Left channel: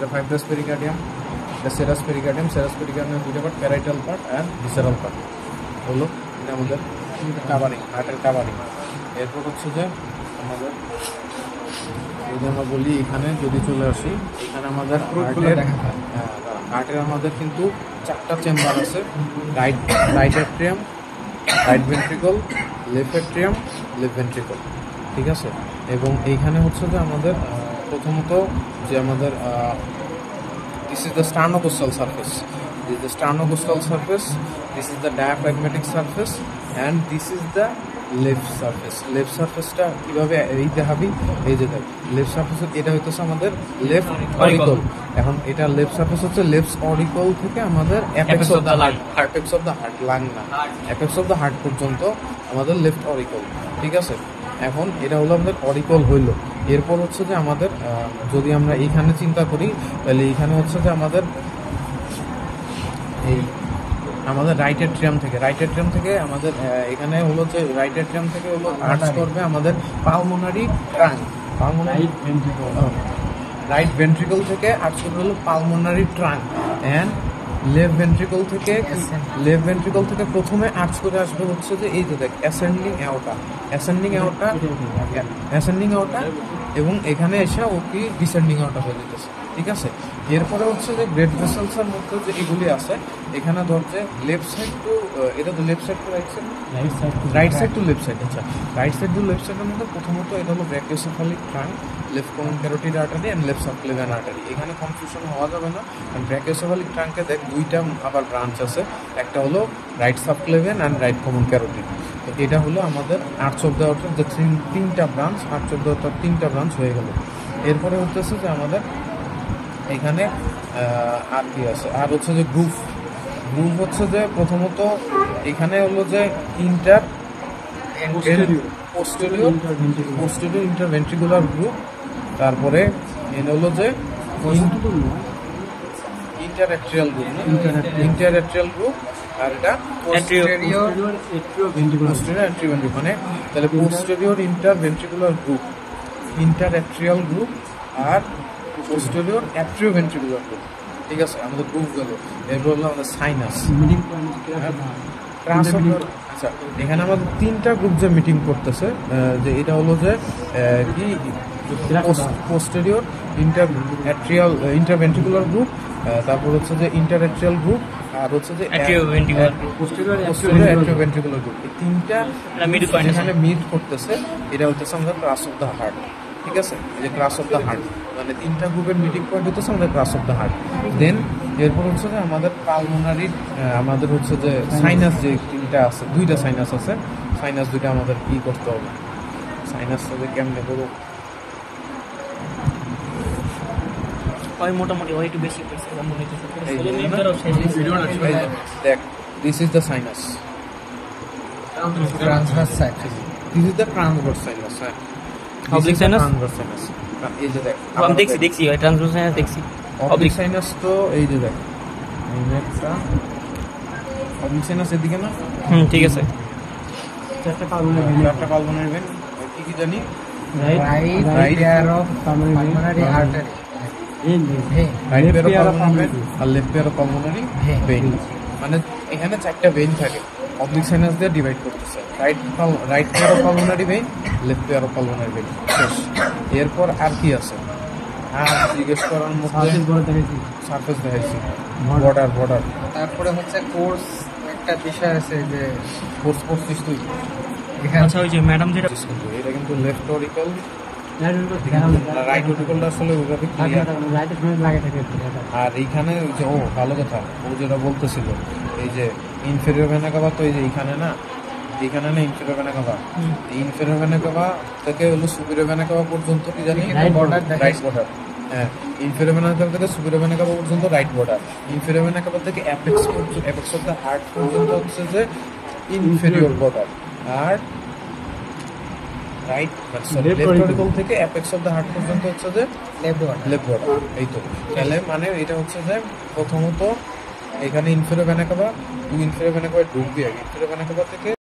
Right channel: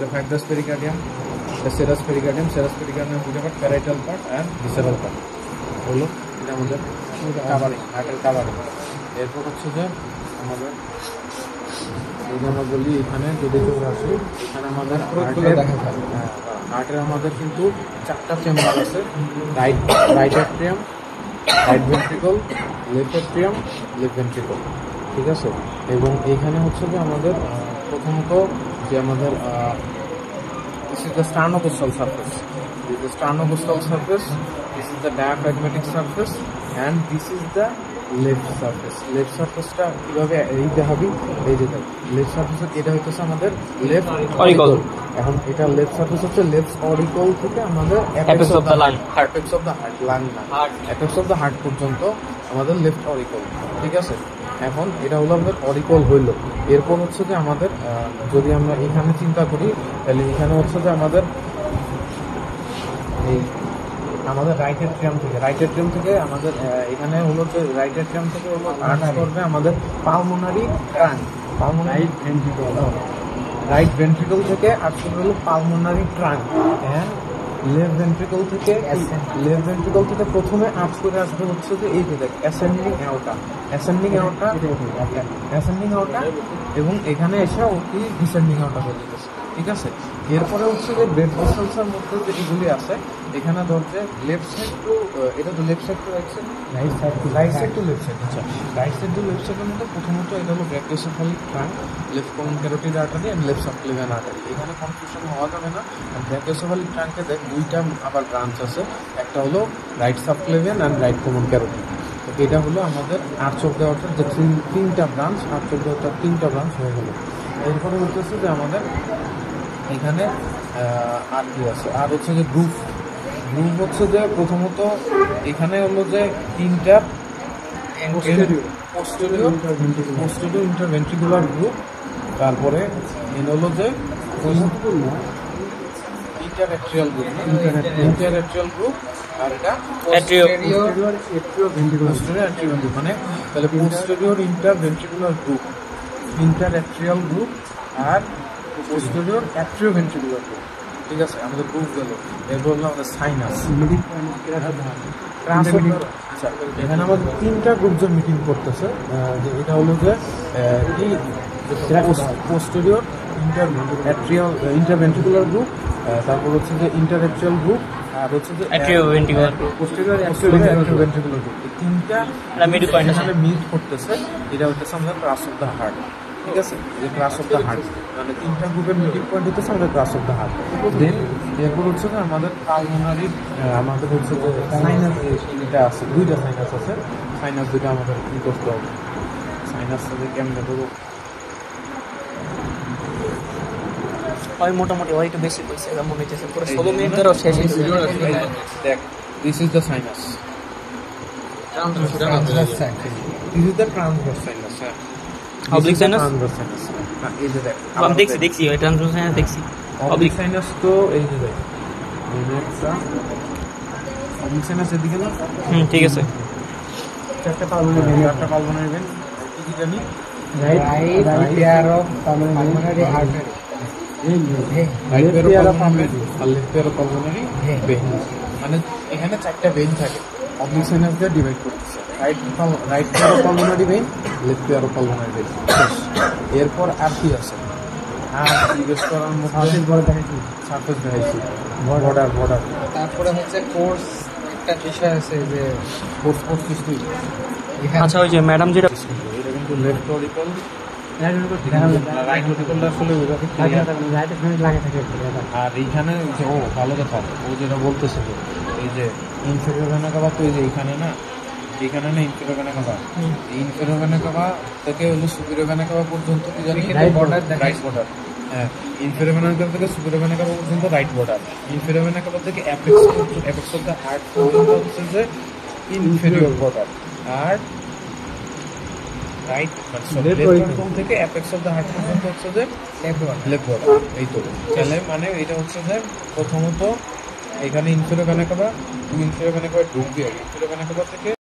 এটা fibrous pericardium, serous pericardium, serous pericardium দুটো part, parietal part and visceral part হলো। এটা আমাদের কাভারিং, হার্টের কাভারিং। এরপর হচ্ছে যে আমাদের এই জন্য বলি এখানে যদি চলে আসি, এখানে আমাদের হার্টের আমাদের কিন্তু 4টা চেম্বার আছে, right atrium, right ventricle, left atrium, left ventricle, ঠিক আছে। এবং এইখানে হচ্ছে যে আমাদের প্রথমত যে আমাদের this is the sternocostal surface, this is the sternocostal surface, this is the diaphragmatic surface, and this is the left surface. Left surface টা কিভাবে এইটা হবে, এই যে লেফট সারফেস এটা হচ্ছে আমাদের লেফট অরিকল। এখন এটা লেফট সারফেস হচ্ছে লেফট অরিকল থেকে আমাদের apex of the lung, apex of the heart, lung না, অ্যাপেক্স অফ দ্য হার্ট পর্যন্ত আমাদের লেফট অরিকল, ঠিক আছে। এখন এটা হলো আমাদের অরিকল হইল। এরপর হচ্ছে যে আমাদের যদি আমরা এইখানে চিন্তা করি তাহলে এইখানে হচ্ছে যে আমাদের রাইট অ্যাট্রিয়াম থেকে আমাদের এখানে হলো যে রাইট অ্যাট্রিয়াম থেকে হলো আর্চ করবে আমাদের পালমোনারি ট্রাঙ্ক, রাইট ভেন্ট্রিকল থেকে আর্চ করবে হলো pulmonary trunk, and left ventricle থেকে প্রথমে আর্চ করে আসবে হচ্ছে যে এই যে দেখ অ্যাসেন্ডিং অ্যাওর্টা, এবং এখানে এসে ও কি ডিসেন্ডিং অ্যাওর্টা হয়ে যেতেছে, ঠিক আছে। এরপরে হচ্ছে যে ব্লাড ভেসেলসের মধ্যে যে এগুলি আছে এখানে ধরছে লেফট সাইড টু, এটা তো left side to right side to left side, আচ্ছা রাইট সাইড টু লেফট সাইডের মধ্যে প্রথমত এটা হলো brachiocephalic trunk, left common carotid artery and left subclavian artery. এখানে কনফিউশন হওয়া যাবে না। ব্র্যাকিওসেফালিক ট্রাঙ্কে দেখ দুইটা আবার ব্রাঞ্চ আছে, একটা হলো right subclavian and right common carotid. এটা হলো আমাদের আর্চ অফ দ্য আর্টারি, যে তিনটা branch, arch of the artery তিনটা ব্রাঞ্চ হয়ে গেল। এরপরে হচ্ছে যে আমাদের এখানে আর কি আছে, আর হচ্ছে যে গ্রুভ হচ্ছে যে প্রথমত এখানে হলো যে পোস্টেরিয়র ইন্টারভেন্ট্রিকুলার গ্রুভ, তারপরে এটা হলো যে ইন্টারঅ্যাট্রিয়াল গ্রুভ, আর এটা পোস্টেরিয়র অ্যাট্রিওভেন্ট্রিকুলার, মানে তাহলে posterior interventricular groove, interatrial groove আর পোস্টেরিয়র অ্যাট্রিওভেন্ট্রিকুলার গ্রুভ, ঠিক আছে। আমাদের গ্রুভ গেল। এরপর হলো আমাদের সাইনাস। আচ্ছা, এখানে আমাদের তিনটা গ্রুপ যে মিটিং করতেছে, যে এটা হলো যে কি পোস্টেরিয়র ইন্টারভেন্ট্রিকুলার গ্রুপ, তারপর হচ্ছে যে ইন্টারঅ্যাট্রিয়াল গ্রুপ, আর হচ্ছে যে অ্যাট্রিওভেন্ট্রিকুলার গ্রুপ। তিনটা এখানে মিট করতেছে, এটা হচ্ছে আমাদের ক্রাস অফ দ্য হার্ট, ঠিক আছে। ক্লাস অফ দ্য হার্ট মানে তিনটা গ্রুপের মিটিং পয়েন্ট হচ্ছে আমাদের ক্লাস অফ দ্য হার্ট। দেন এরপর হচ্ছে যে আমাদের পালমোনারি, আমাদের হচ্ছে যে সাইনাস, যে তিনটা আছে, দুইটা সাইনাস আছে, সাইনাস দুইটা আমাদের কি করতে হবে, সাইনাস কেমনে ধরো হয় মোটামুটি হয় একটু বেশি পয়সা মনে হইতেছে, পুরো 16 মিনিট ধরে শেষ হয়ে যাবে। দেখ, this is the sinus, this is the transverse sinus, oblique sinus, এই যে দেখ আমি দেখছি ট্রান্সভার্স সাইনাস দেখছি। অবলিক সাইনাস তো এই যে দেখ, এই যে একটা অবলিক সাইনাস এদিকে না, ঠিক আছে। চারটা পালমোনারি ভেন, কি জানি, right pair of pulmonary artery, right pair of pulmonary আর left pair of pulmonary vein, মানে এখানে চারটা ভেন থাকে, অবলিক সাইনাস দিয়ে ডিভাইড করতেছে, right pair of pulmonary vein, left pair of pulmonary vein. এরপর আর কি আছে, জিজ্ঞেস করার মতো সারফেস দেখাইছি, বর্ডার, তারপরে হচ্ছে কোর্স একটা বিষয় আছে যে কোর্স সিস্টেম। আচ্ছা, ওই যে ম্যাডাম যেটা, এটা কিন্তু লেফট অরিকল, রাইট অরিকলটা আসলে ওইভাবে ক্লিয়ার, আর এইখানে ভালো কথা ও যেটা বলতেছিল, এই যে ইনফেরিয়র ভেনা কাভা, তো এই যে এইখানে না, এইখানে না inferior vena CAVA, inferior vena CAVA থেকে হলো সুপিরিয়র ভেনা কাভা পর্যন্ত কি জানি রাইট বর্ডার, হ্যাঁ, ইনফেরিয়র ভেনা কাভা থেকে সুপিরিয়র ভেনা কাভা পর্যন্ত right border, inferior vena CAVA থেকে অ্যাপেক্স অফ দ্য হার্ট পর্যন্ত হচ্ছে যে ইনফেরিয়র বর্ডার, আর রাইট থেকে অ্যাপেক্স অফ দ্য হার্ট পর্যন্ত হচ্ছে যে লেফট বর্ডার। এই তো তাহলে মানে এটা হচ্ছে যে প্রথমত এখানে ইনফেরিয়র ভেনা কাভা ঢুকবে, ইনফেরিয়র ভেনা কাভা থেকে